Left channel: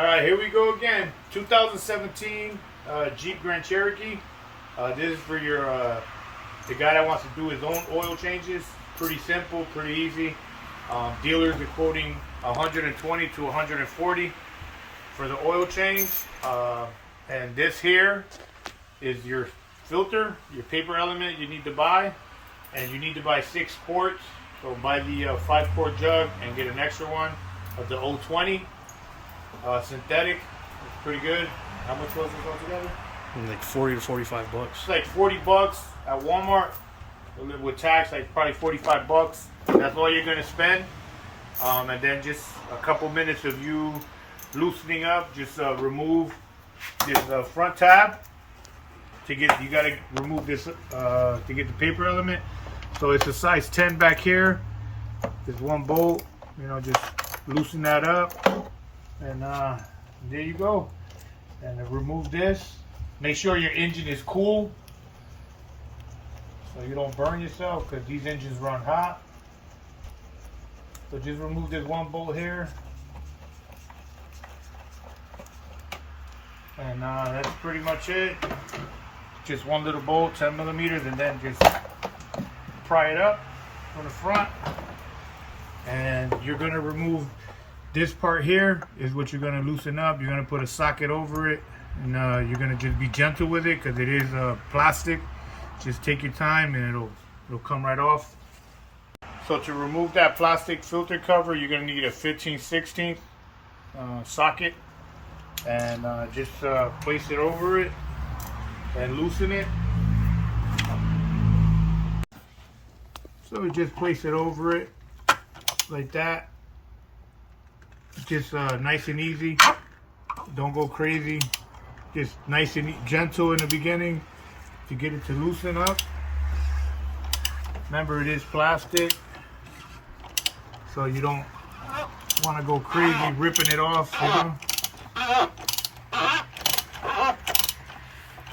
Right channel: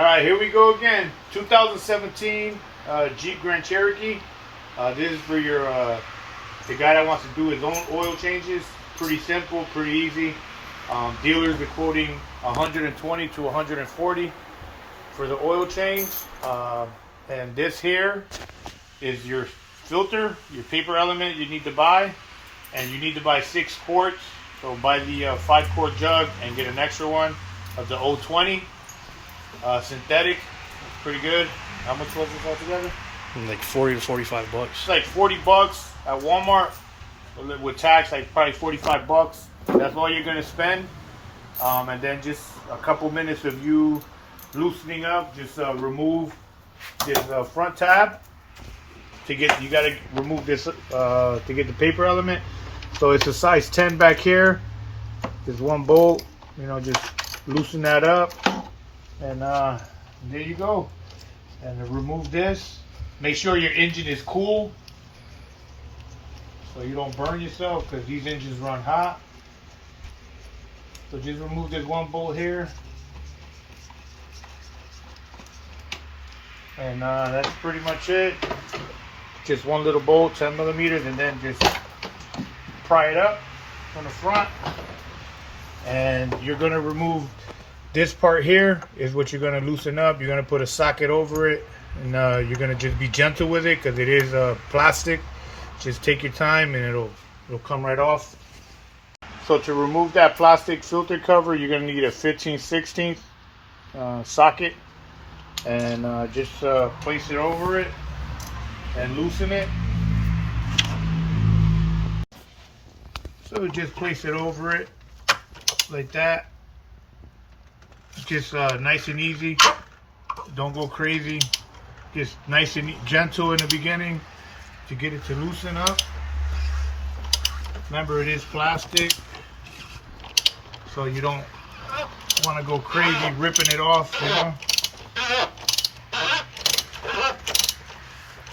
All right, here we go again. 2017 Jeep Grand Cherokee. This is for your the guy that wants to do his own oil changes. Pretty simple, pretty easy. Dealers are quoting 120 to 140 for the oil change. And this here is your filter, your paper element you need to buy. And you need to buy 6 quarts. So buy the 5-quart jug and get an extra one of the 020. Synthetic. It's pretty good. How much was this altogether? Like 40 to 45 bucks. It's like 40 bucks at Walmart. With tax, like probably 45 bucks. That's all you're gonna spend. And then just a couple minutes of you loosening up. Just remove this front tab. You gotta remove this to get the paper element. So it's a size 10 back here. Just one bolt. You know, just loosen that up, and there you go. And then remove this. Make sure your engine is cool, so you don't burn yourself, because these engines run hot. So just remove this one bolt here, and that's pretty much it. Just one little bolt, 10 millimeters, and then just pry it up from the front. And you're going to remove this part here is what you're going to loosen up. You're going to put a socket over it, and you're going to just be gentle with it, because it is plastic. Just take your time and it'll come right off. So to remove that plastic filter cover, you're going to need a 15/16 socket, and just place it over it and loosen it. So just place it over it like that. Just nice and easy. Don't go crazy. Just nice and gentle in the beginning to get it to loosen up. Remember, it is plastic, so you don't want to go crazy ripping it off. You know?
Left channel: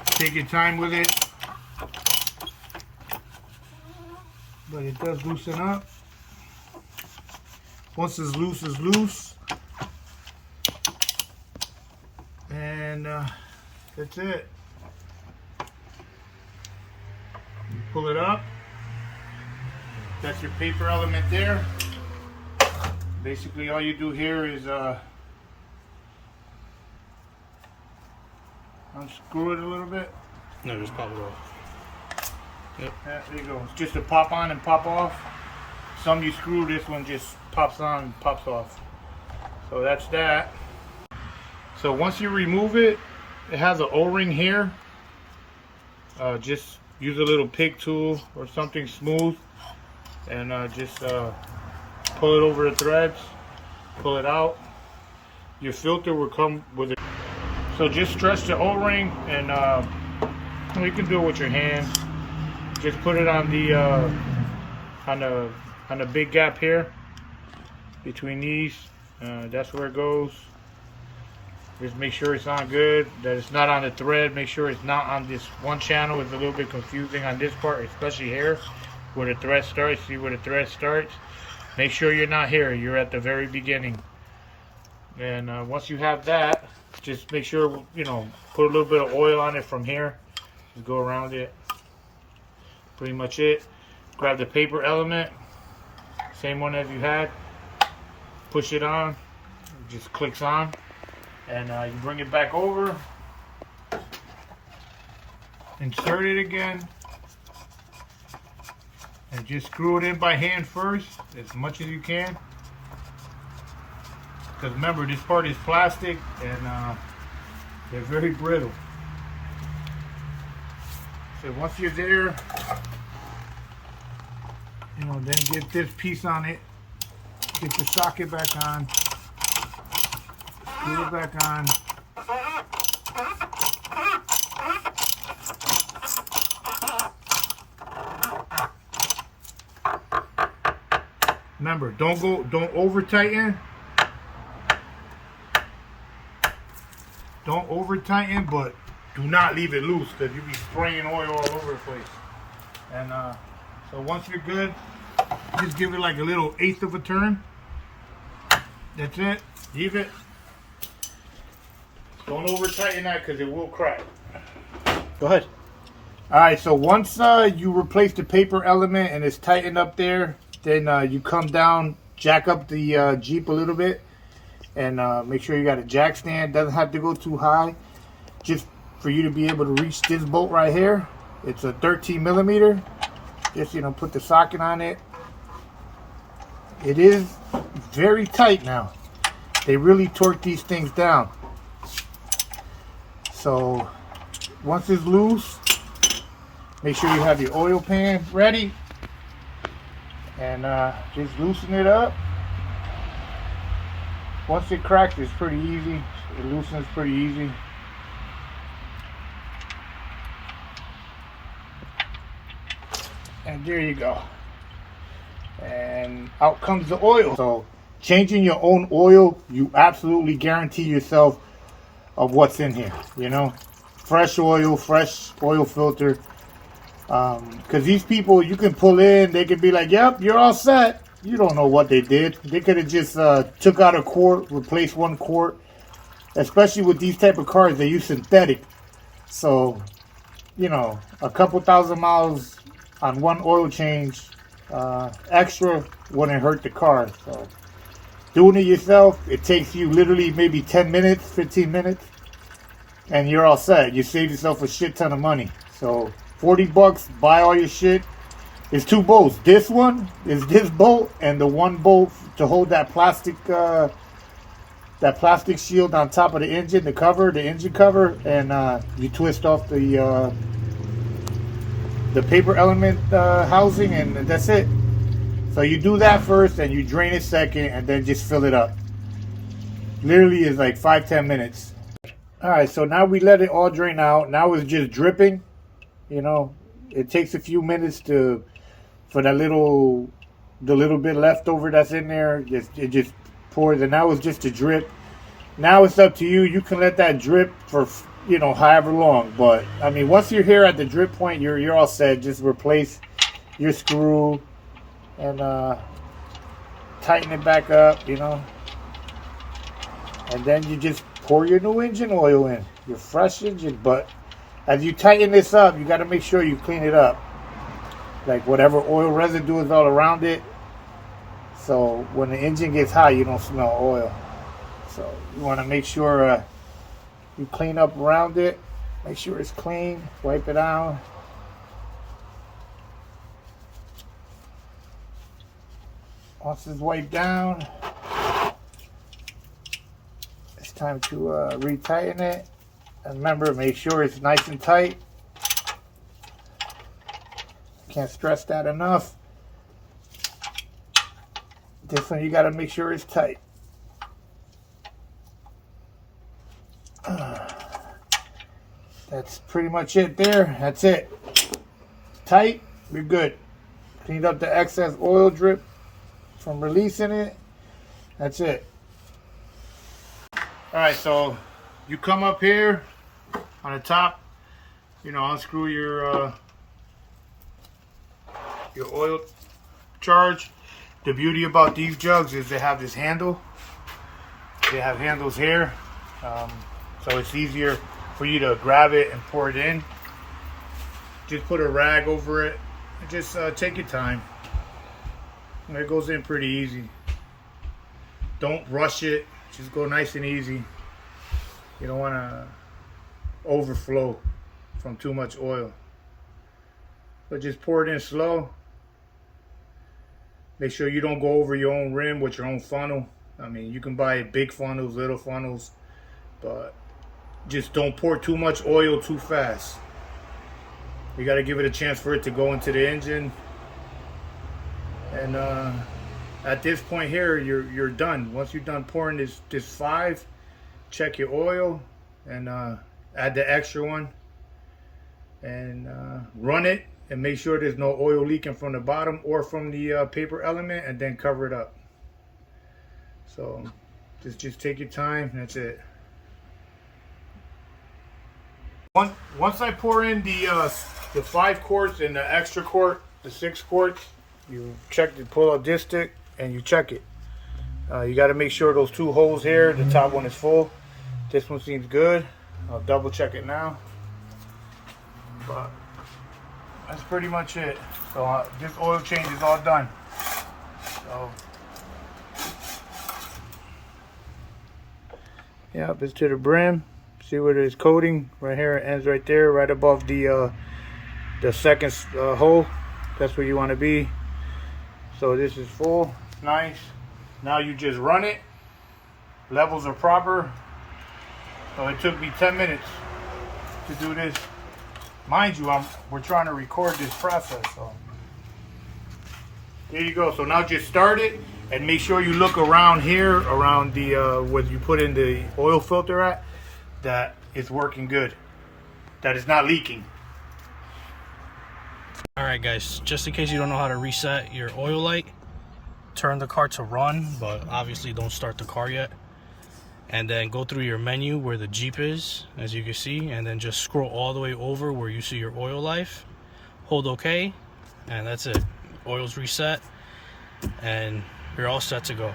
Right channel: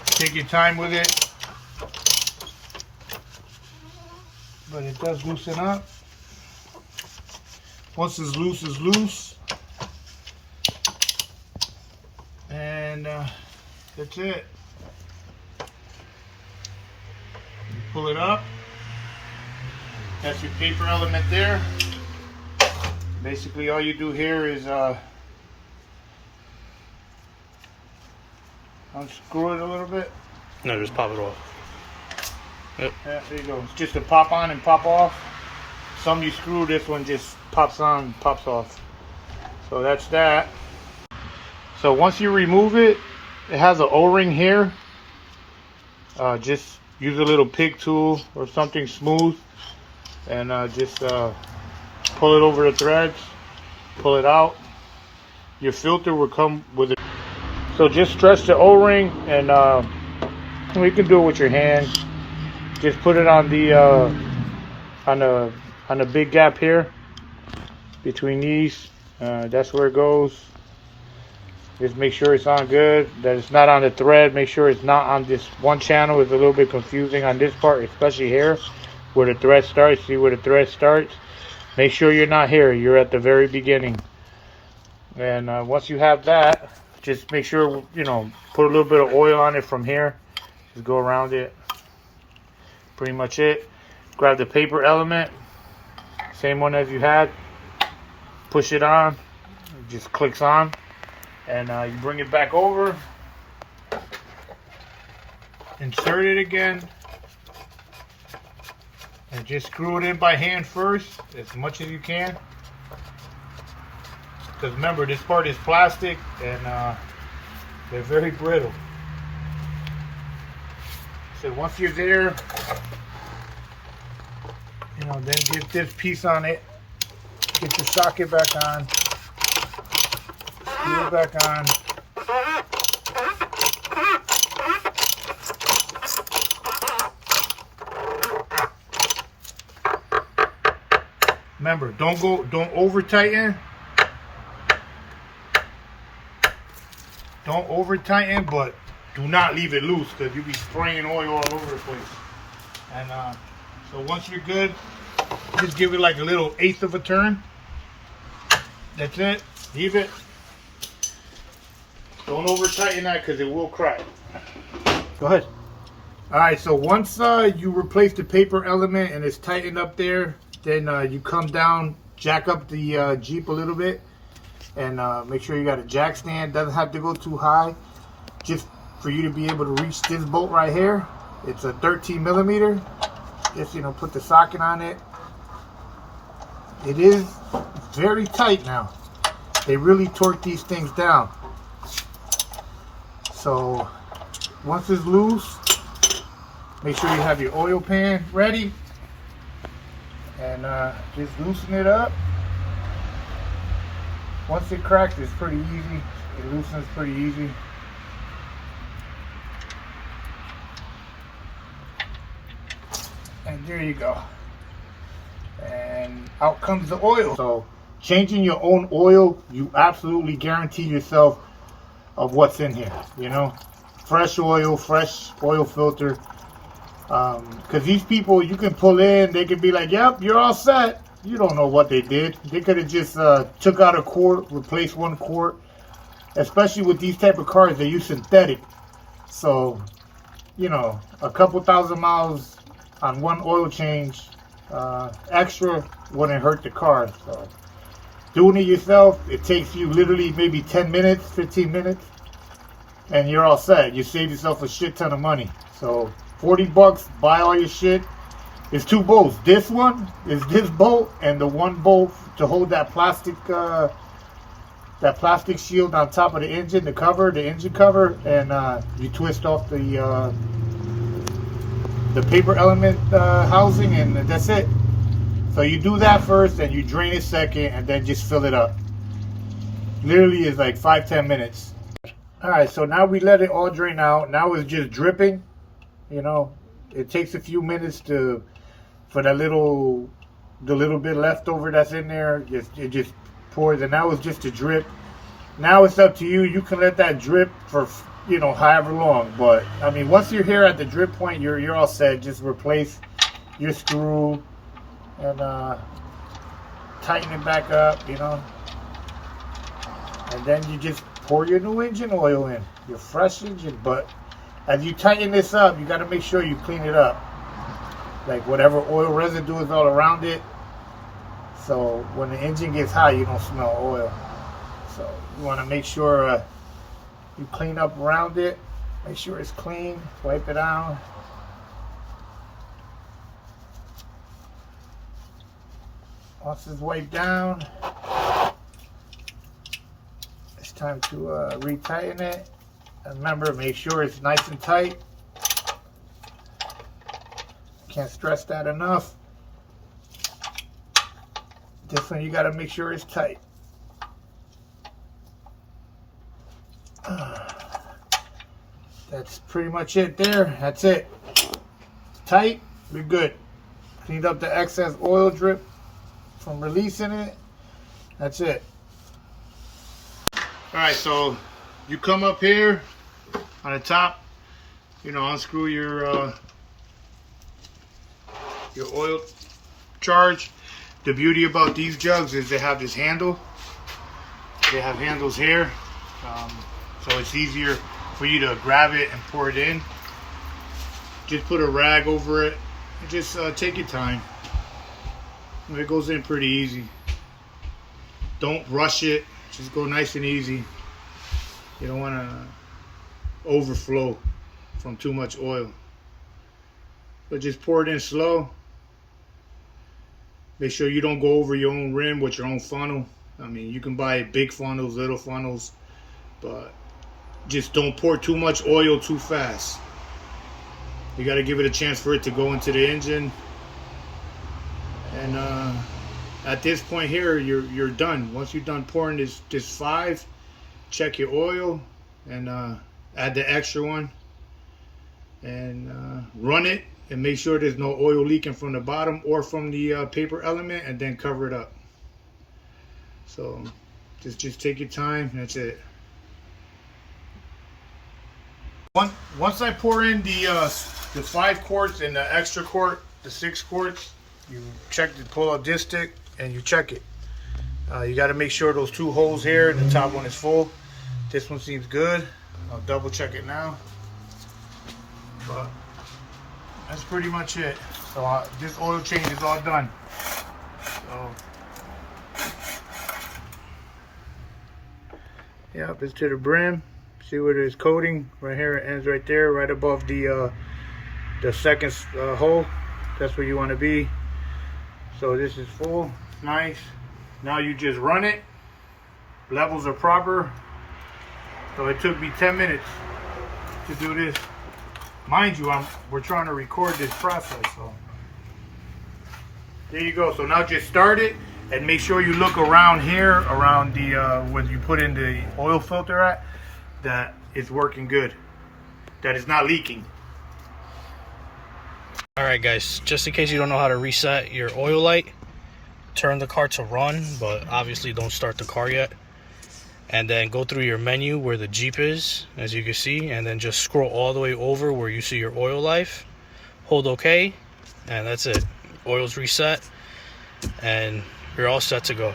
Take your time with it, but it does loosen up. Once it's loose, and that's it. Pull it up. That's your paper element there. Basically, all you do here is unscrew it a little bit. No, just pop it off. Yep. There you go. It's just a pop on and pop off. Some you screw, this one just pops on and pops off. So that's that. So once you remove it, it has an O-ring here. Just use a little pig tool or something smooth, and just pull it over the threads, pull it out. Your filter will come with it. So just stretch the O-ring, and you can do it with your hand. Just put it on the on the big gap here between these. That's where it goes. Just make sure it's on good, that it's not on the thread. Make sure it's not on this one channel. It's a little bit confusing on this part, especially here where the thread starts. See where the thread starts? Make sure you're not here. You're at the very beginning. And once you have that, just make sure, you know, put a little bit of oil on it from here. Just go around it. Pretty much it. Grab the paper element, same one as you had. Push it on. It just clicks on. And you bring it back over. Insert it again. And just screw it in by hand first, as much as you can. Because remember, this part is plastic, and they're very brittle. So once you're there, you know, then get this piece on it. Get the socket back on. Screw it back on. Remember, don't over tighten. Don't over tighten, but do not leave it loose, because you'll be spraying oil all over the place. And so once you're good, just give it like a little 1/8 of a turn. That's it. Leave it. Don't over tighten that because it will crack. Go ahead. All right, so once you replace the paper element and it's tightened up there, then you come down, jack up the Jeep a little bit, and make sure you got a jack stand. Doesn't have to go too high, just for you to be able to reach this bolt right here. It's a 13 millimeter. Just, you know, put the socket on it. It is very tight now. They really torque these things down. So once it's loose, make sure you have your oil pan ready, and just loosen it up. Once it cracks, it's pretty easy. It loosens pretty easy. And there you go. And out comes the oil. So changing your own oil, you absolutely guarantee yourself of what's in here. You know, fresh oil filter. Because these people, you can pull in, they could be like, yep, you're all set. You don't know what they did. They could have just took out a quart, replaced one quart. Especially with these type of cars, they use synthetic. So, you know, a couple thousand miles on one oil change extra wouldn't hurt the car. So doing it yourself, it takes you literally maybe 10 minutes, 15 minutes, and you're all set. You save yourself a shit ton of money. So $40, buy all your shit. It's two bolts. This one is this bolt, and the one bolt to hold that plastic shield on top of the engine, the engine cover, and you twist off the paper element housing, and that's it. So you do that first, and you drain it second, and then just fill it up. Literally is like 5-10 minutes. All right, so now we let it all drain out. Now it's just dripping. You know, it takes a few minutes for the little bit left over that's in there. It just pours, and now it's just a drip. Now it's up to you. You can let that drip for, you know, however long. But I mean, once you're here at the drip point, you're all set. Just replace your screw and tighten it back up, you know. And then you just pour your new engine oil in, your fresh engine. But as you tighten this up, you got to make sure you clean it up. Like whatever oil residue is all around it. So when the engine gets hot, you don't smell oil. So you want to make sure you clean up around it. Make sure it's clean. Wipe it down. Once it's wiped down, it's time to retighten it. And remember, make sure it's nice and tight. Can't stress that enough. This one you got to make sure it's tight. That's pretty much it there. That's it. Tight, we're good. Cleaned up the excess oil drip from releasing it. That's it. Alright, so you come up here on the top, you know, unscrew your oil charge. The beauty about these jugs is they have this handle. They have handles here, so it's easier for you to grab it and pour it in. Just put a rag over it and just take your time. It goes in pretty easy. Don't rush it. Just go nice and easy. You don't want to overflow from too much oil. But just pour it in slow. Make sure you don't go over your own rim with your own funnel. I mean, you can buy big funnels, little funnels, but just don't pour too much oil too fast. You got to give it a chance for it to go into the engine. And at this point here, you're done. Once you're done pouring this 5, check your oil and add the extra one and run it and make sure there's no oil leaking from the bottom or from the paper element, and then cover it up. So just take your time. That's it. Once I pour in the 5 quarts and the extra quart, the 6 quarts, you check the pull-up dipstick and you check it. You got to make sure those 2 holes here, the top one is full. This one seems good. I'll double check it now. But that's pretty much it. So this oil change is all done. So yeah, it's to the brim. See where there's coating right here. It ends right there, right above the second hole. That's where you want to be. So this is full, nice. Now you just run it. Levels are proper. So it took me 10 minutes to do this. Mind you, we're trying to record this process. So there you go. So now just start it and make sure you look around here, around the where you put in the oil filter at, that it's working good, that it's not leaking. Alright guys, just in case you don't know how to reset your oil light, turn the car to run, but obviously don't start the car yet. And then go through your menu where the Jeep is, as you can see, and then just scroll all the way over where you see your oil life. Hold OK, and that's it. Oil's reset, and you're all set to go.